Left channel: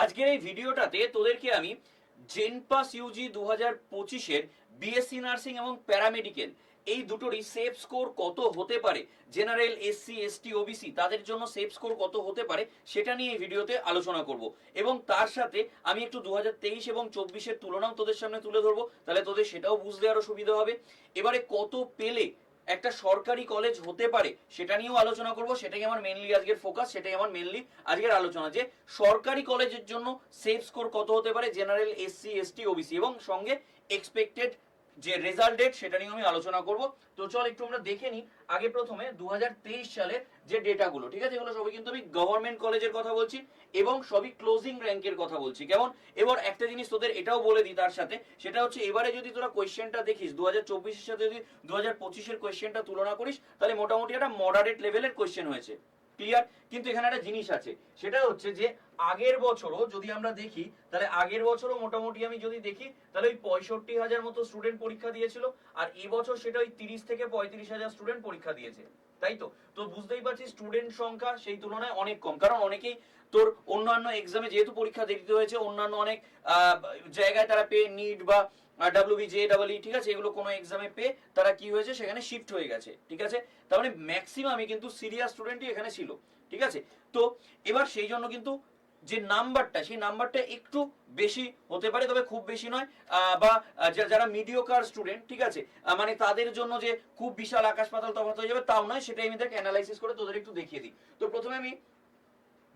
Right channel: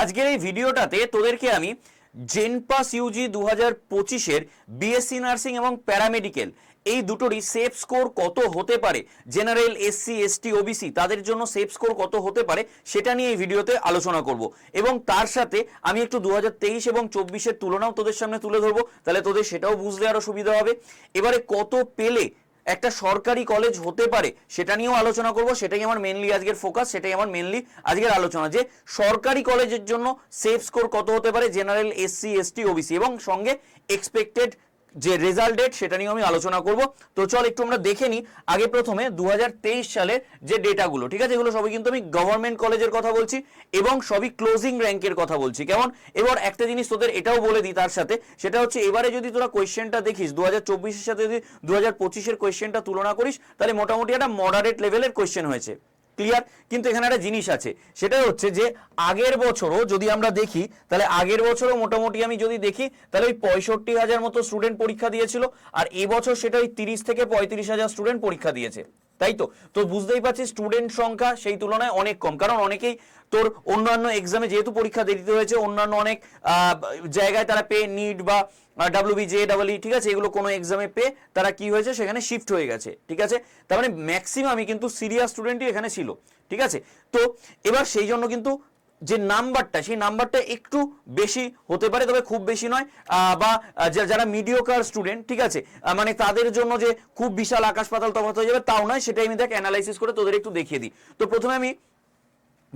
আজকের এই ভিডিওটাতে তোদেরকে আমি জেনপাস ইউজি দু হাজার পঁচিশের বিএসসি নার্সিং এবং প্যারামেডিক্যাল এই দুটোরই সেফ স্কোর কত হতে পারে? জেনারেল এসসি এসটি ওবিসি তাদের জন্য সেফ স্কোর কত হতে পারে? সেটা নিয়ে এই ভিডিওতে আলোচনা করব। এবং তার সাথে আমি একটু দু হাজার তেইশ এবং চব্বিশের তুলনাও তোদের সামনে তুলে ধরবো। তাহলে তোদের সেটাও বুঝতে আরও সুবিধা হবে। এবারে কত পেলে একটা সরকারি কলেজ হতে পারে, সেটা নিয়েও আলোচনা করব, সেটাই আমার মেনলি আজকের ফোকাস সেটাই আমার মেনলি আজকের আলোচনা। যে সরকারি কলেজের জন্য সেফ স্কোর কত হতে পারে? জেনারেল এসসি এসটি ওবিসি এবং সঙ্গে এক্সপেক্টেড যে রেজাল্ট ডেট সেটা নিয়ে আমি আলোচনা করব। তো চল একটু আমরা দেখে নিই আগে প্রথমে দুহাজার তেইশ সালে যে ডেটাগুলো ঠিক আছে? এগুলো সবই কিন্তু আমি গভর্নমেন্ট কলেজের কথা বলছি এবং সবই ক্লোজিং র্যাঙ্কের কথা বলছি। কেমন? এবার একটা জিনিস তোদের এটাও বলে দিই তার সাথে, সেটা হচ্ছে এবারে যদি তোরা কোয়েশ্চেনটা দেখিস দু হাজার সাথে যদি দু হাজার পঁচিশের কোয়েশ্চেনটা তুলনা করিস, তাহলে মোটামুটি একটা মডারেট লেভেলের কোয়েশ্চেন হয়েছে। ক্লিয়ার কিন্তু এখানে একটা জিনিস আছে, সেটা হচ্ছে যে আগের বছরও যদি আমরা দেখি, তাহলে আগের বছরও মোটামুটি আমি যদি দেখি, তাহলে ওই পঁয়ষট্টি হাজার মতো স্টুডেন্ট পরীক্ষা দিয়েছিল, আর এবছর সেটা ওই তিরিশ থেকে পঁয়ত্রিশ হাজার স্টুডেন্ট পরীক্ষা দিয়েছে। তাই তো? তো বুঝতেই পারছিস স্টুডেন্ট সংখ্যা সেই তুলনায় অনেক কম, কারণ অনেকেই তোর অন্যান্য এক্সামে যেহেতু পরীক্ষা দিতে হয়েছে, অন্যান্য অনেক জায়গায় তারা পে নিট বা W B J double E ঠিক আছে, এগুলো কোনো এক্সামে পেয়ে তারা কি হয়েছে, সেখানে শিফট হয়ে গেছে, ঠিক আছে? তার মানে ম্যাক্সিমামই কিন্তু সিরিয়াস স্টুডেন্টই এখানে ছিল, ঠিক আছে? তো এবার সেই জন্য কিন্তু যে নাম্বারটা, সেই নাম্বারটা একটু বেশি হতে পারে, তবে খুব বেশি নয় বা যারা মিডিওকার স্টুডেন্ট ঠিক আছে? মানে তাদের জন্য যে খুব বিশাল আকাশ পাতাল তফাৎ হয়ে যাবে, তাও নয়, সেটাই আমি দেখ অ্যানালাইসিস করে তোদের একটু দেখিয়ে দিই। তো প্রথমে আমি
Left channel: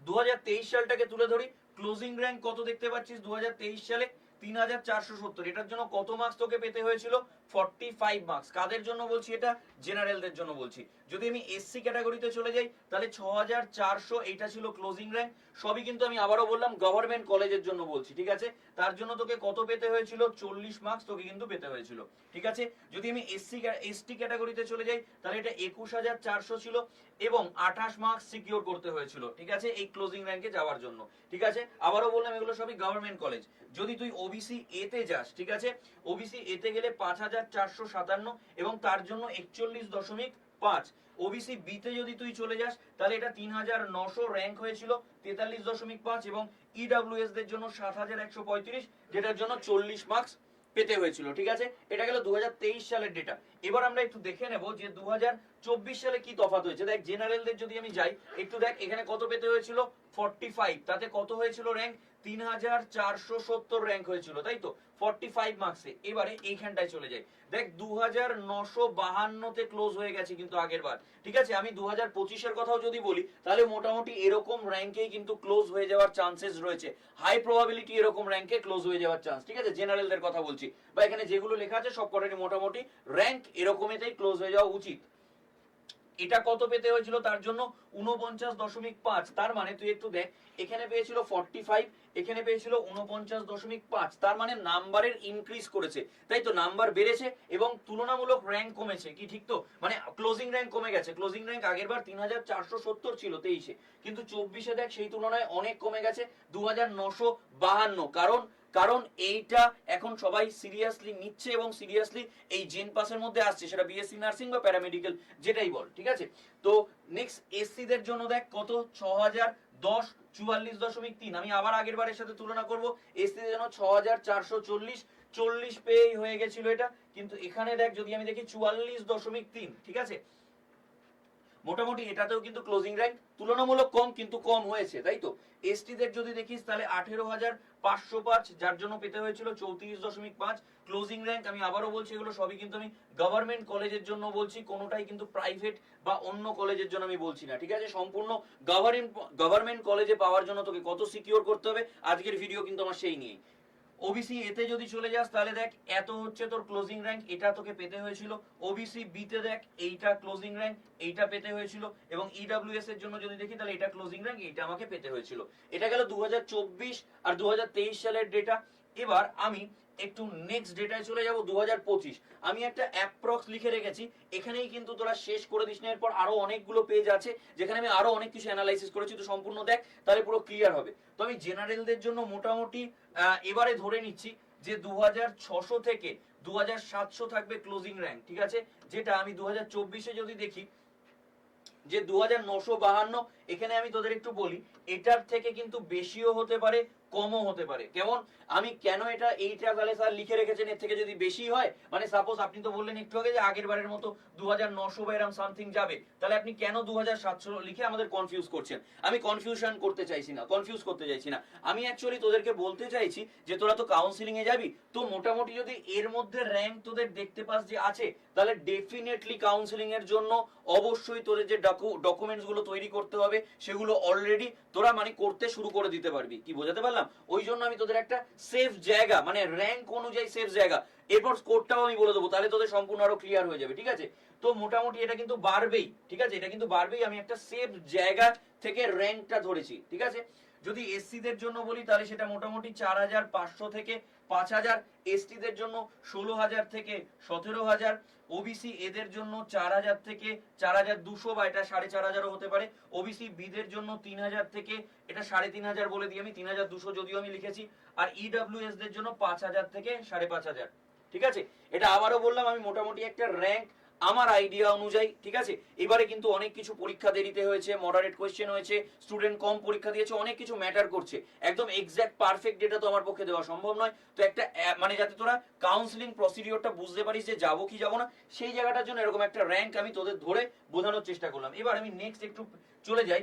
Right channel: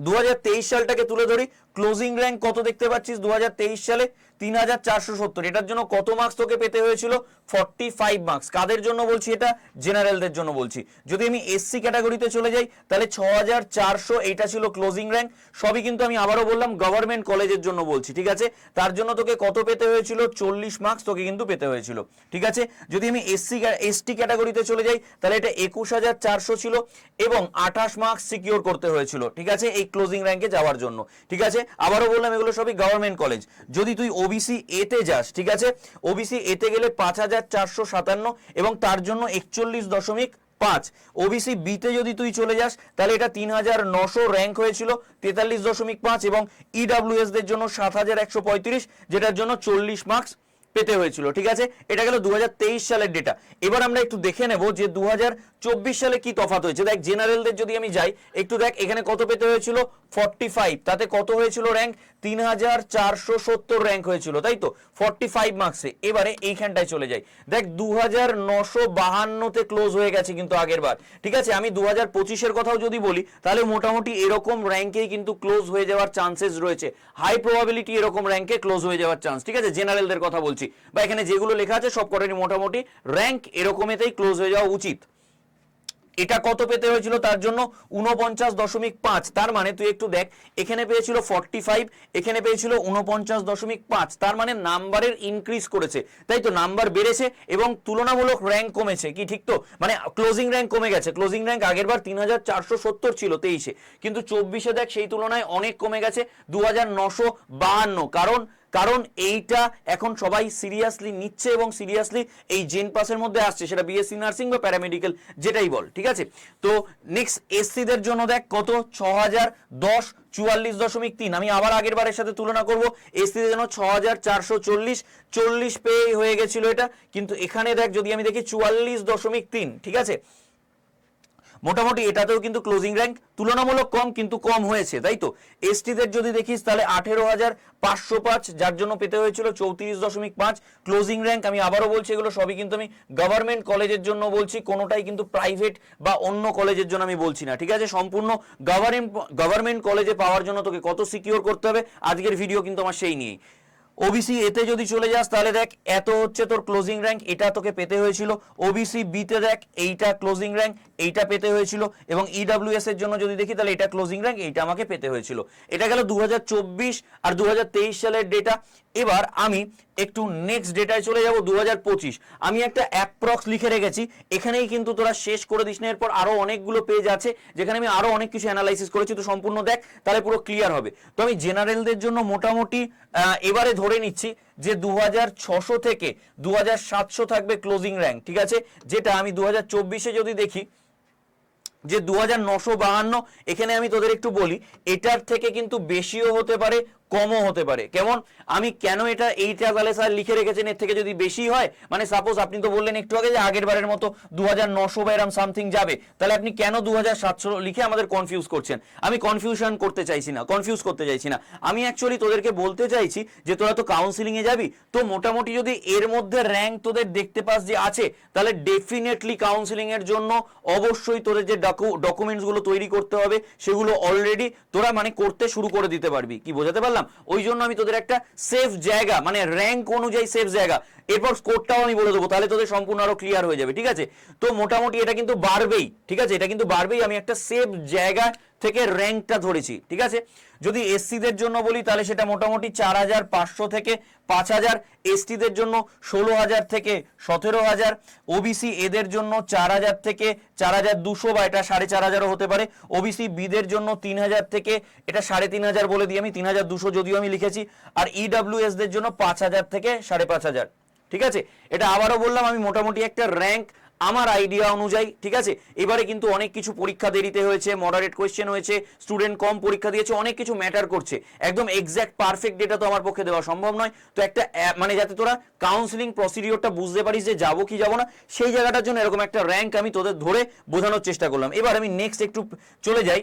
দু হাজার তেইশ সালটাকে তুলে ধরি। ক্লোজিং র্যাঙ্ক কত দেখতে পাচ্ছিস? দু হাজার তেইশ সালে তিন হাজার চারশো সত্তর। এটার জন্য কত মার্কস তোকে পেতে হয়েছিল? ফর্টি ফাইভ মার্কস কাদের জন্য বলছি এটা? জেনারেলদের জন্য বলছি। যদি আমি এসসি ক্যাটাগরিতে চলে যাই, তাহলে ছ হাজার চারশো এইটা ছিল ক্লোজিং র্যাঙ্ক সবই কিন্তু আমি আবারও বললাম গভর্নমেন্ট কলেজের জন্য বলছি, ঠিক আছে? তার জন্য তোকে কত পেতে হয়েছিল? চল্লিশ মার্কস তোকে কিন্তু পেতে হয়েছিল, ঠিক আছে? যদি আমি এসসি এসটি ক্যাটাগরিতে চলে যাই, তাহলে এটা একুশ হাজার চারশো ছিল এবং আঠাশ মার্কস সিকিওর করতে হয়েছিল, ঠিক আছে? এই ক্লোজিং র্যাঙ্কে যাওয়ার জন্য, ঠিক আছে? আবারও বললাম, এগুলো সবই গভর্নমেন্ট কলেজ যদি তুই ওবিসি এতে যাস, ঠিক আছে? ওবিসি এতে গেলে পাঁচ হাজার চারশো সাতান্ন এবং তার জন্য একচল্লিশ দশমিক পাঁচ। ওবিসি বিতে যদি তুই চলে যাস, তাহলে এটা তিন হাজার নশো র্যাঙ্ক হয়েছিল, তেতাল্লিশ দশমিক পাঁচ এবং ইডাব্লিউএস দের জন্য সাত হাজার একশো পঁয়ত্রিশ, যেটার জন্য চল্লিশ মার্কস পেতে হয়েছিল, ঠিক আছে? এটা গেল দু হাজার তেইশ সালের ডেটা এবার আমরা একটু দেখে নেব যে দু হাজার চব্বিশ সালে কি তফাৎ হয়েছে। দেখ জেনারেলদের যদি আমি যাই, একটু দেখ, এখানে কত পেতে হয়েছিল? ফর্টি তাতে কত হয়েছিল র্যাঙ্ক তিন হাজার চারশো সত্তর র্যাঙ্ক হয়েছিল, তাই তো? ফর্টি ফাইভ মার্কসে এবারে এইখানটায় চলে যাই। দেখ দু হাজার নশো বাহান্নতে ক্লোজ হয়ে গেছে কিন্তু আগের বার। ঠিক আছে, আমি দু হাজার পঁচিশের কথাও যদি বলি, তাহলে মোটামুটি এরকম র্যাঙ্কেই কিন্তু ক্লোজ হয়ে যাওয়ার চান্সেস রয়েছে। হাই প্রবাবিলিটি এরকম র্যাঙ্কে ক্লোজ হয়ে যাওয়ার চান্স ঠিক আছে জেনারেলদের কথা বলছি। বা এখানে যেগুলো লেখা আছে সব কটারই মোটামুটি র্যাঙ্ক এরকমেতেই ক্লোজ হয়ে যাওয়া উচিত। এটা কত পেতে হয়েছিল? তার জন্য উনপঞ্চাশ দশমিক পাঁচ। তার মানে তুই একটু দেখ, এখানে পেয়েছিল ফর্টি ফাইভ এখানে পেয়েছিল উনপঞ্চাশ দশমিক পাঁচ। তার মানে নাম্বারের ইনক্রিজ করেছে। তাই তো নাম্বার বেড়েছে এবং তুলনামূলক র্যাঙ্ক কমেছে। কি ঠিক তো? মানে ক্লোজিং র্যাঙ্ক কমে গেছে। ক্লোজিং র্যাঙ্ক আগের বার তিন হাজার চারশো সত্তর ছিল তেইশে। কিন্তু চব্বিশে দেখ, সেই তুলনায় অনেক কমে গেছে দু হাজার নশো বাহান্ন। কারণ কারণ এইটা এখন সবাই সিরিয়াসলি নিচ্ছে এবং সিরিয়াসলি এই জেন পাসের মধ্যে আসছে, সেটা বিএসসি নার্সিং বা প্যারামেডিক্যাল যেটাই বল, ঠিক আছে? তো নেক্সট এসসিদের জন্য দেখ কত? ছ হাজার দশ, চুয়াল্লিশ দশমিক তিন। আমি আবার আগের বারের সাথে তুলনা করব। এসসিদের জন্য ছ হাজার চারশো চল্লিশ চল্লিশ পেয়ে হয়ে গেছিল এটা। কিন্তু এখানে দেখ যদি আমি দেখি চুয়াল্লিশ দশমিক তিন, ঠিক আছে? মোটামুটি এটাতেও কিন্তু ক্লোজিং র্যাঙ্ক তুলনামূলক কম, কিন্তু কম হয়েছে, তাই তো? এসটিদের যদি দেখিস, তাহলে আঠেরো হাজার পাঁচশো পাঁচ, যার জন্য পেতে হয়েছিল চৌত্রিশ দশমিক পাঁচ। ক্লোজিং র্যাঙ্ক আমি আবারও বলছি, এগুলো সবই কিন্তু আমি গভর্নমেন্ট কলেজের জন্য বলছি, কোনোটাই কিন্তু প্রাইভেট বা অন্য কলেজের জন্য আমি বলছি না, ঠিক আছে? সম্পূর্ণ গভর্নমেন্ট গভর্নমেন্ট কলেজে পাওয়ার জন্য তোকে কত সিকিওর করতে হবে, আজকের ভিডিও কিন্তু আমার সেই নিয়েই। ওবিসি এতে যদি চলে যাস, তাহলে দেখ, এত হচ্ছে তোর ক্লোজিং র্যাঙ্ক এটা তোকে পেতে হয়েছিল। ওবিসি বিতে দেখ, এইটা ক্লোজিং র্যাঙ্ক এইটা পেতে হয়েছিল। এবং ইডাব্লিউএস এর জন্য যদি দেখি, তাহলে এটা ক্লোজিং র্যাঙ্ক এইটা আমাকে পেতে হয়েছিল। এটা গেল দু হাজার চব্বিশ আর দু হাজার তেইশ সালের ডেটা এবার আমি একটু নেক্সট ডেটায় চলে যাব দু হাজার পঁচিশ। আমি একটা অ্যাপ্রক্স লিখে রেখেছি, এখানেই কিন্তু তোরা শেষ করে দিস না। এরপর আরও অনেকগুলো পেজ আছে, যেখানে আমি আরও অনেক কিছু অ্যানালাইসিস করেছি, তো সম্পূর্ণ দেখ, তাহলে পুরো ক্লিয়ার হবে। তো আমি জেনারেলদের জন্য মোটামুটি এবারে ধরে নিচ্ছি যে দু থেকে দু হাজার সাতশো থাকবে ক্লোজিং র্যাঙ্ক ঠিক আছে? যেটা আমি দু হাজার যদি দেখি, যে দু এখানে আমি তোদের একটু বলি, এটার থেকে কিন্তু বেশিও হতে পারে কমও হতে পারে। কেমন? আমি কেন এটা এইটা তাহলে স্যার লিখে রেখেছেন? এর থেকে যদি বেশি হয় মানে সাপোজ আপনি তো বললেন একটু আগে যে আগের বারের মতো দু হাজার নশো বা এরম সামথিং যাবে। তাহলে আপনি কেন দু হাজার সাতশো লিখে আমাদের কনফিউজ করছেন? আমি কনফিউশন করতে চাইছি না কনফিউজ করতে চাইছি না। আমি অ্যাকচুয়ালি তোদেরকে বলতে চাইছি যে তোরা তো কাউন্সিলিং এ যাবি, তো মোটামুটি যদি এর মধ্যে র্যাঙ্ক তোদের দেখতে পাস যে আছে, তাহলে ডেফিনেটলি কাউন্সিলিং এর জন্য অবশ্যই তোদের যে ডকুমেন্টসগুলো তৈরি করতে হবে, সেগুলো অলরেডি তোরা মানে করতে শুরু করে দিতে পারবি। কি বোঝাতে পারলাম? ওই জন্য আমি তোদের একটা সেফ জায়গা মানে র্যাঙ্ক অনুযায়ী সেফ জায়গা। এরপর স্কোরটাও আমি বলে দেবো, তাহলে তোদের সম্পূর্ণ আরও ক্লিয়ার হয়ে যাবে, ঠিক আছে? তো মোটামুটি এটা কিন্তু বাড়বেই, ঠিক আছে? এটা কিন্তু বাড়বেই, আমি একটা সেফ জায়গা থেকে র্যাঙ্কটা ধরেছি, ঠিক আছে? যদি এসসিদের জন্য বলি, তাহলে সেটা মোটামুটি চার হাজার পাঁচশো থেকে পাঁচ হাজার, এসটিদের জন্য ষোলো হাজার থেকে সতেরো হাজার ওবিসি এদের জন্য চার হাজার থেকে চার হাজার দুশো বা এটা সাড়ে চার হাজারও হতে পারে। ওবিসি বিদের জন্য তিন হাজার থেকে এটা সাড়ে তিন হাজার বলে দিই আমি, তিন হাজার দুশো যদিও আমি লিখেছি। আর ইডাব্লিউএসদের জন্য পাঁচ হাজার থেকে সাড়ে পাঁচ হাজার। ঠিক আছে? এটা আবারও বললাম, আমি মোটামুটি একটা র্যাঙ্ক আমার আইডিয়া অনুযায়ী, ঠিক আছে? এবারে কিন্তু অনেক কিছু পরীক্ষা দেরিতে হয়েছে মডারেট কোয়েশ্চেন হয়েছে স্টুডেন্ট কম পরীক্ষা দিয়েছে, অনেক কিছু ম্যাটার করছে। একদম এক্স্যাক্ট পারফেক্ট ডেটা তো আমার পক্ষে দেওয়া সম্ভব নয়। তো একটা মানে যাতে তোরা কাউন্সিলিং প্রসিডিওরটা বুঝতে পারিস যে যাব কি যাব না, সেই জায়গাটার জন্য এরকম একটা র্যাঙ্ক আমি তোদের ধরে বোঝানোর চেষ্টা করলাম। এবার আমি নেক্সট একটু চলে যাই।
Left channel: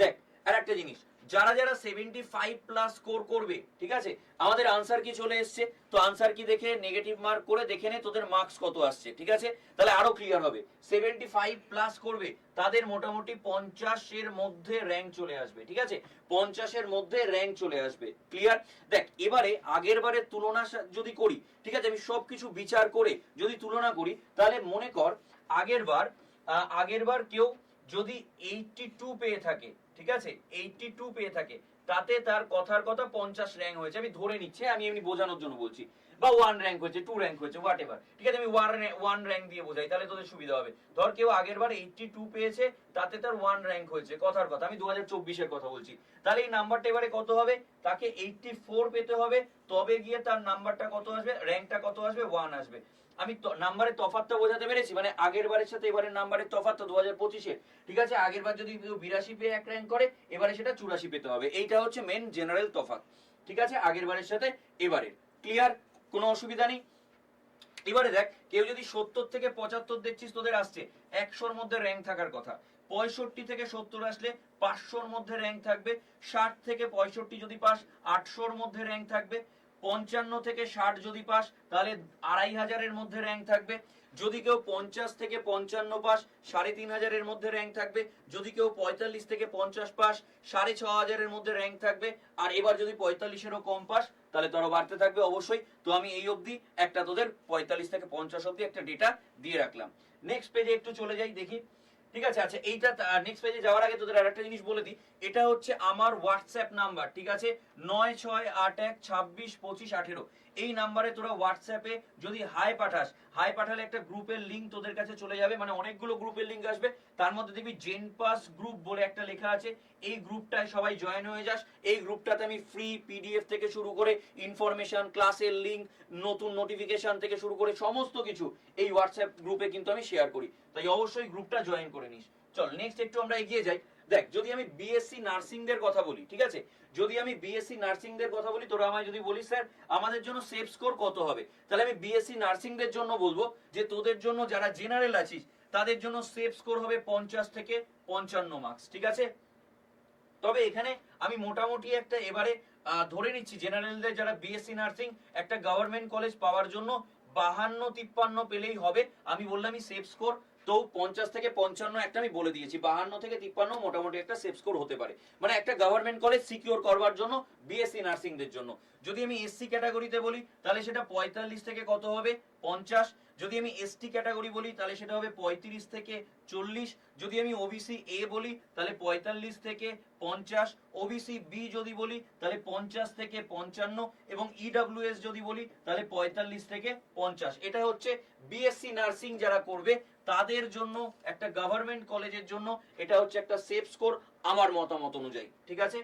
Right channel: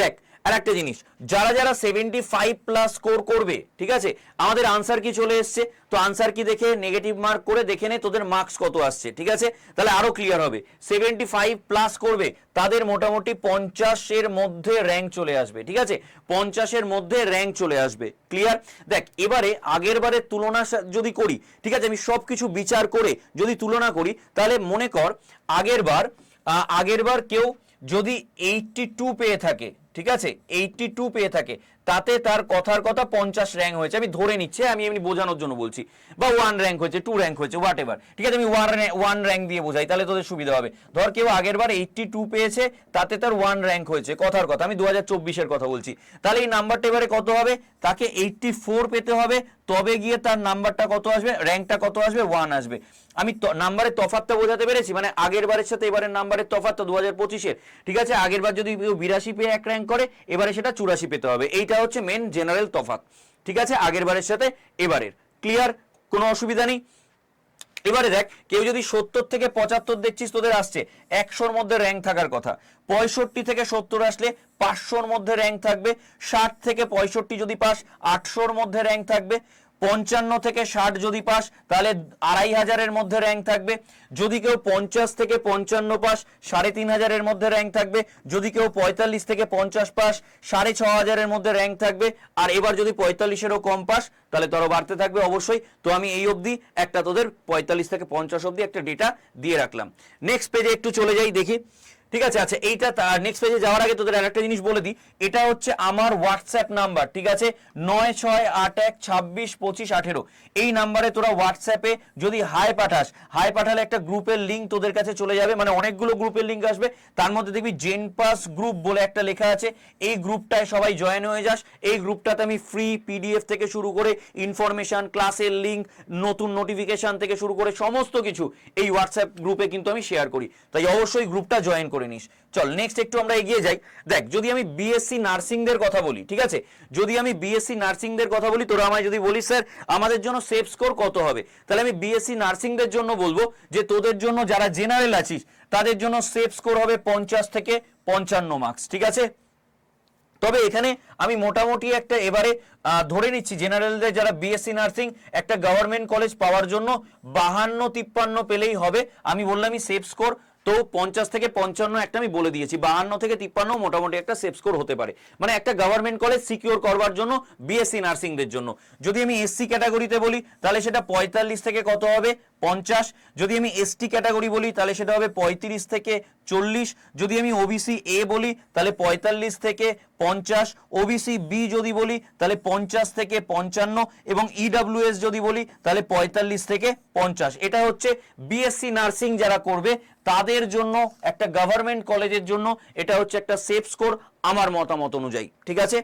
দেখ আর একটা জিনিস, যারা যারা সেভেন্টি ফাইভ প্লাস স্কোর করবে, ঠিক আছে, আমাদের আনসার কি চলে এসছে? তো আনসার কি দেখে নেগেটিভ মার্ক করে দেখে নে, তোদের মার্কস কত আসছে, ঠিক আছে? তাহলে আরও ক্লিয়ার হবে সেভেন্টি ফাইভ প্লাস করবে, তাদের মোটামুটি পঞ্চাশের মধ্যে র্যাঙ্ক চলে আসবে, ঠিক আছে? পঞ্চাশের মধ্যে র্যাঙ্ক চলে আসবে ক্লিয়ার দেখ, এবারে আগের বারের তুলনা যদি করি, ঠিক আছে, আমি সবকিছু বিচার করে যদি তুলনা করি, তাহলে মনে কর, আগের বার আগের বার কেউ যদি এইটটি টু পেয়ে থাকে ঠিক আছে? এইটটি টু পেয়ে থাকে। তাতে তার কথার কথা পঞ্চাশ র্যাঙ্ক হয়েছে। আমি ধরে নিচ্ছি, আমি এমনি বোঝানোর জন্য বলছি। বা ওয়ান র্যাঙ্ক হয়েছে টু র্যাঙ্ক হয়েছে হোয়াট এভার ঠিক আছে, আমি ওয়ান ওয়ান র্যাঙ্ক দিয়ে বোঝাই, তাহলে তোদের সুবিধা হবে। ধর কেউ আগের বার এইটটি টু পেয়েছে, তাতে তার ওয়ান র্যাঙ্ক হয়েছে, কথার কথা। আমি দু হাজার চব্বিশের কথা বলছি। তাহলে এই নাম্বারটা এবারে কত হবে? তাকে এইটটি ফোর পেতে হবে। তবে গিয়ে তার নাম্বারটা কত আসবে? র্যাঙ্কটা কত আসবে? ওয়ান আসবে। আমি নাম্বারের তফাতটা বোঝাতে পেরেছি মানে আগের বারের সাথে এবারের নাম্বারের তফাৎ তো দু হাজার পঁচিশের। ঠিক আছে, আগের বার যদি কেউ বিরাশি পেয়ে এক র্যাঙ্ক করে, এবারে সেটা চুরাশি পেতে হবে। এইটা হচ্ছে মেন জেনারেল তফাৎ ঠিক আছে, আগের বারের সাথে এবারের। ক্লিয়ার কোনো অসুবিধা নেই? এবারে দেখ, কেউ যদি সত্তর থেকে পঁচাত্তর দেখছিস, তোদের আসছে। একশোর মধ্যে র্যাঙ্ক থাকার কথা। পঁয়ষট্টি থেকে সত্তর আসলে পাঁচশোর মধ্যে র্যাঙ্ক থাকবে। ষাট থেকে পঁয়ষট্টি যদি পাস, আটশোর মধ্যে র্যাঙ্ক থাকবে। পঞ্চান্ন থেকে ষাট যদি পাস, তাহলে আড়াই হাজারের মধ্যে র্যাঙ্ক থাকবে। যদি কেউ পঞ্চাশ থেকে পঞ্চান্ন পাস, সাড়ে তিন হাজারের মধ্যে র্যাঙ্ক থাকবে। যদি কেউ পঁয়তাল্লিশ থেকে পঞ্চাশ পাস, সাড়ে ছ হাজারের মধ্যে র্যাঙ্ক থাকবে। আর এবার যদি পঁয়তাল্লিশেরও কম পাস, তাহলে তোরও বাড়তে থাকবে অবশ্যই। তো আমি এই অবধি একটা তোদের পঁয়তাল্লিশ থেকে পঞ্চাশ অবধি একটা ডেটা দিয়ে রাখলাম। নেক্সট পেজে একটু চলে যাই, দেখি। ঠিক আছে আচ্ছা এইটা নেক্সট পেজে যাওয়ার আগে তোদের আরেকটা জিনিস বলে দিই। এটা হচ্ছে আমার হোয়াটসঅ্যাপ নাম্বার ঠিক আছে? নয় ছয় আট এক ছাব্বিশ পঁচিশ আঠেরো। এই নাম্বারে তোরা হোয়াটসঅ্যাপে যদি হাই পাঠাস হাই পাঠালে একটা গ্রুপের লিঙ্ক তোদের কাছে চলে যাবে মানে অনেকগুলো গ্রুপের লিঙ্ক আসবে। তার মধ্যে দেখবি জেন পাস গ্রুপ বলে একটা লেখা আছে। এই গ্রুপটায় সবাই জয়েন হয়ে যাস। এই গ্রুপটাতে আমি ফ্রি পিডিএফ থেকে শুরু করে ইনফরমেশন ক্লাসের লিঙ্ক নতুন নোটিফিকেশন থেকে শুরু করে সমস্ত কিছু এই হোয়াটসঅ্যাপ গ্রুপে কিন্তু আমি শেয়ার করি। তাই অবশ্যই গ্রুপটা জয়েন করে নিস। চল নেক্সট একটু আমরা এগিয়ে যাই। দেখ, যদি আমি বিএসসি নার্সিংদের কথা বলি, ঠিক আছে? যদি আমি বিএসসি নার্সিংদের কথা বলি, তোরা আমায় যদি বলিস, স্যার, আমাদের জন্য সেফ স্কোর কত হবে? তাহলে আমি বিএসসি নার্সিংদের জন্য বলব যে, তোদের জন্য যারা জেনারেল আছিস, তাদের জন্য সেফ স্কোর হবে পঞ্চাশ থেকে পঞ্চান্ন মার্কস ঠিক আছে? তবে এখানে আমি মোটামুটি একটা এবারে ধরে নিচ্ছি জেনারেলদের যারা বিএসসি নার্সিং, একটা গভর্নমেন্ট কলেজ পাওয়ার জন্য বাহান্ন তিপ্পান্ন পেলেই হবে। আমি বললামই সেফ স্কোর তো পঞ্চাশ থেকে পঞ্চান্ন একটা আমি বলে দিয়েছি, বাহান্ন থেকে তিপ্পান্ন মোটামুটি একটা সেফ স্কোর হতে পারে। মানে একটা গভর্নমেন্ট কলেজ সিকিওর করবার জন্য বিএসসি নার্সিংদের জন্য। যদি আমি এসসি ক্যাটাগরিতে বলি, তাহলে সেটা পঁয়তাল্লিশ থেকে কত হবে? পঞ্চাশ। যদি আমি এসটি ক্যাটাগরি বলি, তাহলে সেটা হবে পঁয়ত্রিশ থেকে চল্লিশ। যদি আমি ওবিসি এ বলি, তাহলে পঁয়তাল্লিশ থেকে পঞ্চাশ। ওবিসি বি যদি বলি, তাহলে পঞ্চাশ থেকে পঞ্চান্ন। এবং ইডাব্লিউএস যদি বলি, তাহলে পঁয়তাল্লিশ থেকে পঞ্চাশ। এটা হচ্ছে বিএসসি নার্সিং যারা করবে, তাদের জন্য, একটা গভর্নমেন্ট কলেজের জন্য, এটা হচ্ছে একটা সেফ স্কোর আমার মতামত অনুযায়ী। ঠিক আছে?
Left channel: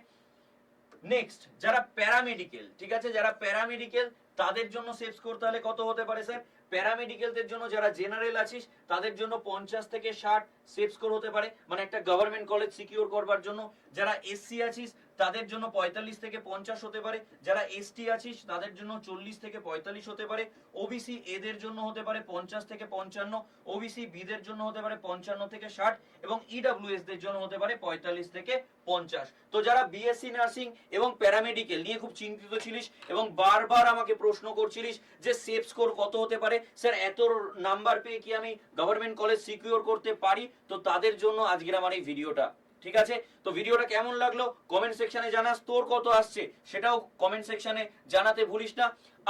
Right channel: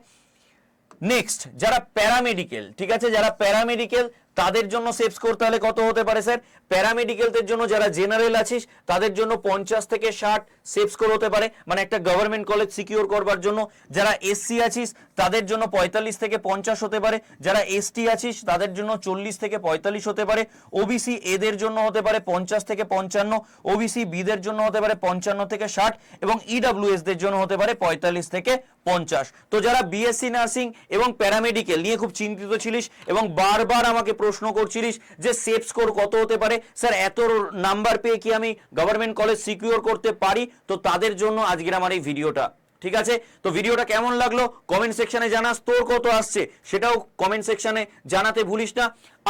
নেক্সট যারা প্যারামেডিক্যাল ঠিক আছে? যারা প্যারামেডিক্যাল তাদের জন্য সেভস করতে হলে কত হতে পারে স্যার প্যারামেডিক্যালদের জন্য যারা জেনারেল আছিস, তাদের জন্য পঞ্চাশ থেকে ষাট সেফ স্কোর হতে পারে। মানে একটা গভর্নমেন্ট কলেজ সিকিউর করবার জন্য। যারা এসসি আছিস, তাদের জন্য পঁয়তাল্লিশ থেকে পঞ্চাশ হতে পারে। যারা এসটি আছিস, তাদের জন্য চল্লিশ থেকে পঁয়তাল্লিশ হতে পারে। ওবিসি এদের জন্য হতে পারে পঞ্চাশ থেকে পঞ্চান্ন। ওবিসি বিদের জন্য হতে পারে পঞ্চান্ন থেকে ষাট। এবং ইডাব্লিউএস দের জন্য হতে পারে পঁয়তাল্লিশ থেকে পঞ্চাশ। তো যারা বিএসসি নার্সিং এবং প্যারামেডিক্যাল নিয়ে খুব চিন্তিত ছিলিস এবং বারবার আমাকে প্রশ্ন করছিলিস যে সেফ স্কোর কত হতে পারে স্যার, এত নাম্বার পেয়ে কি আমি গভর্নমেন্ট কলেজ সিকিউর করতে পারি? তো তাদের জন্য আজকের আমার এই ভিডিওটা, ঠিক আছে? তো ভিডিওটা কেমন লাগল? কমেন্ট সেকশনে জানাস, তোর কত আসছে? সেটাও কমেন্ট সেকশনে জানাতে ভুলিস না।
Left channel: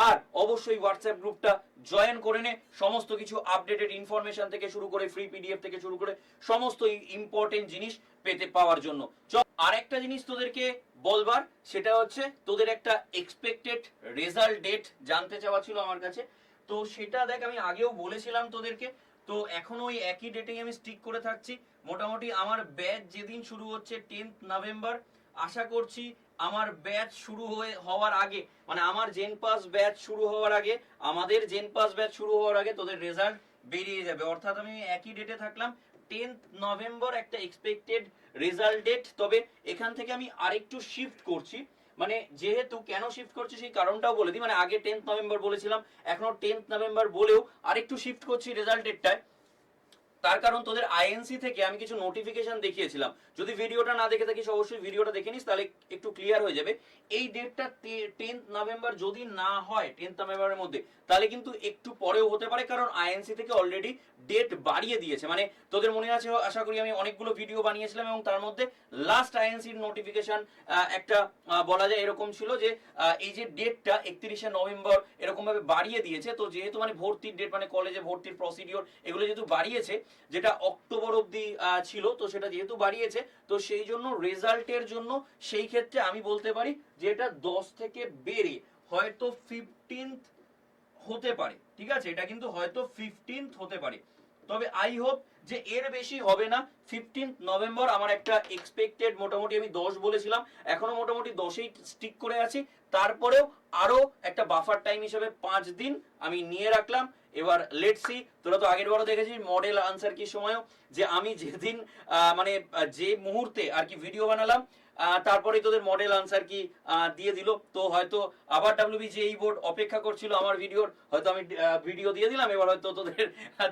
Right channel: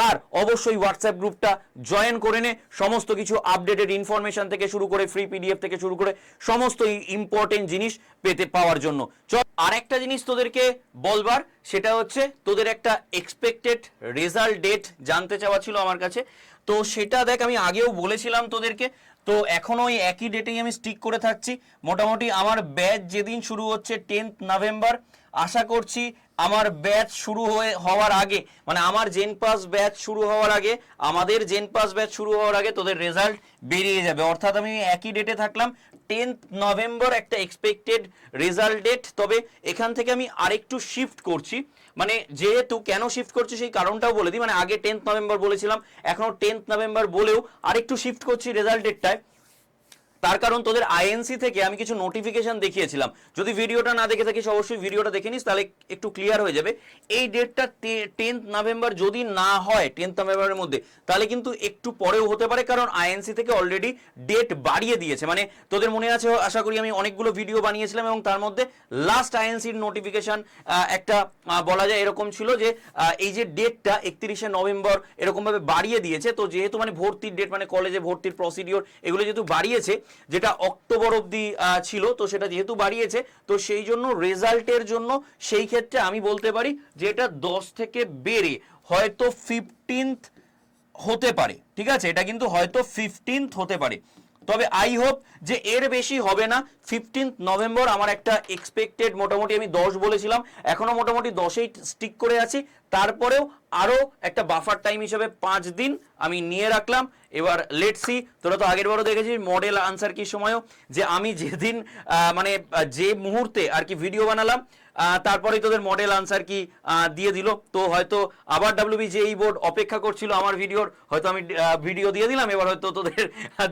আর অবশ্যই হোয়াটসঅ্যাপ গ্রুপটা জয়েন করে নে। সমস্ত কিছু আপডেটেড ইনফরমেশন থেকে শুরু করে ফ্রি পিডিএফ থেকে শুরু করে, সমস্ত ইম্পর্টেন্ট জিনিস পেতে পাওয়ার জন্য। চল, আরেকটা জিনিস তোদেরকে বলবার, সেটা হচ্ছে তোদের একটা এক্সপেক্টেড রেজাল্ট ডেট জানতে চাওয়া ছিল আমার কাছে। তো সেটা দেখ, আমি আগেও বলেছিলাম তোদেরকে। তো এখনও ওই একই ডেটেই আমি স্টিক করে থাকছি। মোটামুটি আমার ব্যাচ যেদিন শুরু হচ্ছে টেন্থ নভেম্বর আশা করছি আমার ব্যাচ শুরু হয়ে, হওয়ার আগে মানে আমার জেন পাস ব্যাচ শুরু হওয়ার আগে, আমাদের জেন পাস ব্যাচ শুরু হওয়ার আগে তোদের রেজাল্ট বেরিয়ে যাবে। অর্থাৎ আমি একই ডেটে থাকলাম টেন্থ নভেম্বর একটা এক্সপেক্টেড রেজাল্ট ডেট তবে এখান থেকে আমি আরেকটু শিফট করছি। মানে যেহেতু কেন শিফট করছি সেই কারণটাও বলে দিই। মানে আগে টেন্থ নভেম্বর বলেছিলাম, এখনও টেন্থ নভেম্বর বলেও আরেকটু শিফট করছি রেজাল্ট ডেটটায় তার কারণ তোদের আইএনসি থেকে আমি কিছু নোটিফিকেশন দেখিয়েছিলাম। যদি ভিডিওটা না দেখে থাকিস, অবশ্যই ভিডিওটা দেখে নিস, তাহলে একটু ক্লিয়ার হয়ে যাবে। এই ডেটটা টেন্থ নভেম্বর যদি না হয় টেন্থ নভেম্বরের মধ্যে, তাহলে কিন্তু একটু পরেও হতে পারে, কারণ আইএনসি থেকে অলরেডি ডেট বাড়িয়ে দিয়েছে। মানে তোদের মনে আছে, আশা করি আমি অনেকগুলো ভিডিও বানিয়েছিলাম এবং তার মধ্যে লাস্ট আইএনসির নোটিফিকেশন একটা বলা যায় এরকম ছিল যে এই যে ডেটটা একত্রিশে নভেম্বর এরকমভাবে বাড়িয়ে দিয়েছে। তো যেহেতু মানে ভর্তির ডেট মানে কলেজে ভর্তির প্রসিডিওর এগুলো যেহেতু বাড়িয়েছে যেটা অক্টোবর আহ, ছিল তো সেটা যেহেতু বাড়িয়েছে তো সেই জন্য রেজাল্টের জন্য সেই ক্ষেত্রে আমি বলতে পারি যে এটা দশ থেকে বেড়ে হয়তো ফিফটিন্থ হতে পারে ঠিক আছে? এটা কিন্তু হয়তো ফিফটিন্থ হতে পারে। তবে আই হোপ যে এর বেশি হবে না। ফিফটিন্থ নভেম্বর আমার একটা এক্সপেক্টেড মোটামুটি আমি দশ বলেছিলাম। এখনও মোটামুটি দশেই স্টিক করে আছি। তারপরেও আরও একটা বাফার টাইম হিসেবে পাঁচ দিন আমি নিয়ে রাখলাম। এবার লেট সি তোরা তো আগের বারও দেখেছিস মডেল আনসার কি সময়ও? যে আমি যেদিন মানে যে মুহূর্তে আর কি ভিডিও বানালাম তারপরেই তোদের মডেল আনসার কি দিয়ে দিল। তো হয়তো আবার ডাব্লিউবি যে এই বোর্ড অপেক্ষা করছিল আমার ভিডিওর হয়তো আমি ভিডিও দিয়ে দিলাম, এবার হয়তো তোদের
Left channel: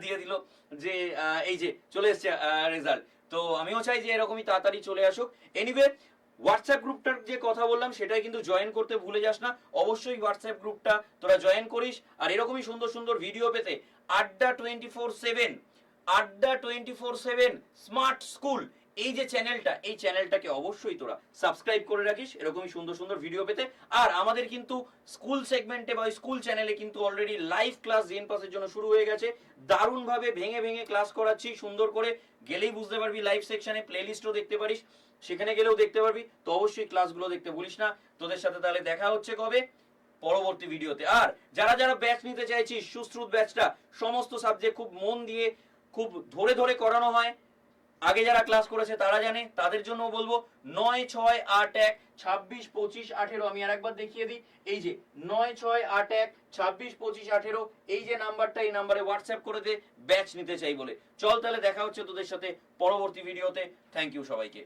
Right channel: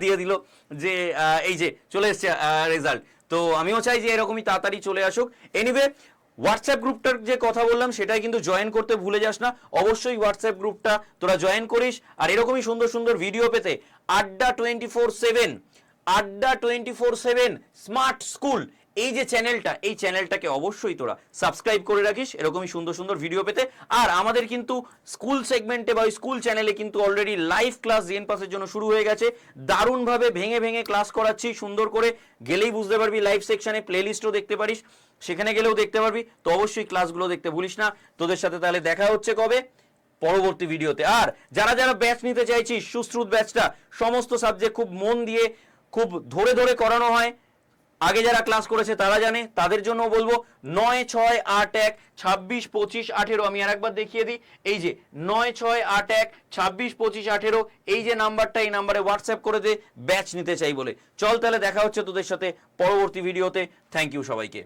দিয়ে দিল যে এই যে, চলে এসছে রেজাল্ট তো আমিও চাই যে এরকমই তাড়াতাড়ি চলে আসুক। এনিওয়ে হোয়াটসঅ্যাপ গ্রুপটার যে কথা বললাম, সেটাই কিন্তু জয়েন করতে ভুলে যাস না। অবশ্যই হোয়াটসঅ্যাপ গ্রুপটা তোরা জয়েন করিস। আর এরকমই সুন্দর সুন্দর ভিডিও পেতে Adda twenty four seven Adda twenty four seven smart school এই যে চ্যানেলটা এই চ্যানেলটাকে অবশ্যই তোরা সাবস্ক্রাইব করে রাখিস। এরকমই সুন্দর সুন্দর ভিডিও পেতে। আর আমাদের কিন্তু স্কুল সেগমেন্টে বা স্কুল চ্যানেলে কিন্তু অলরেডি লাইভ ক্লাস জেন পাসের জন্য শুরু হয়ে গেছে। দারুণভাবে ভেঙে ভেঙে ক্লাস করাচ্ছি। সুন্দর করে গেলেই বুঝতে পারবি লাইভ সেকশনে প্লেলিস্টও দেখতে পারিস। সেখানে গেলেও দেখতে পারবি। তো অবশ্যই ক্লাসগুলো দেখতে ভুলিস না। তোদের সাথে তাহলে দেখা হচ্ছে কবে? পরবর্তী ভিডিওতে। আর যারা যারা ব্যাচ নিতে চাইছিস সুশ্রুত ব্যাচটা সমস্ত সাবজেক্ট খুব মন দিয়ে, খুব ধরে ধরে করানো হয়। আগে যারা ক্লাস করেছে তারা জানে, তাদের জন্য বলব নয়, ছয়, আট, এক, ছাব্বিশ, পঁচিশ, আঠেরো, আমি আর একবার দেখিয়ে দিই। এই যে নয়, ছয়, আট, এক, ছাব্বিশ, পঁচিশ, আঠেরো, এই যে নাম্বারটা, এই নাম্বারে হোয়াটসঅ্যাপ করে দে ব্যাচ নিতে চাই বলে। চল তাহলে দেখা হচ্ছে তোদের সাথে পরবর্তী ভিডিওতে। থ্যাংক ইউ সবাইকে।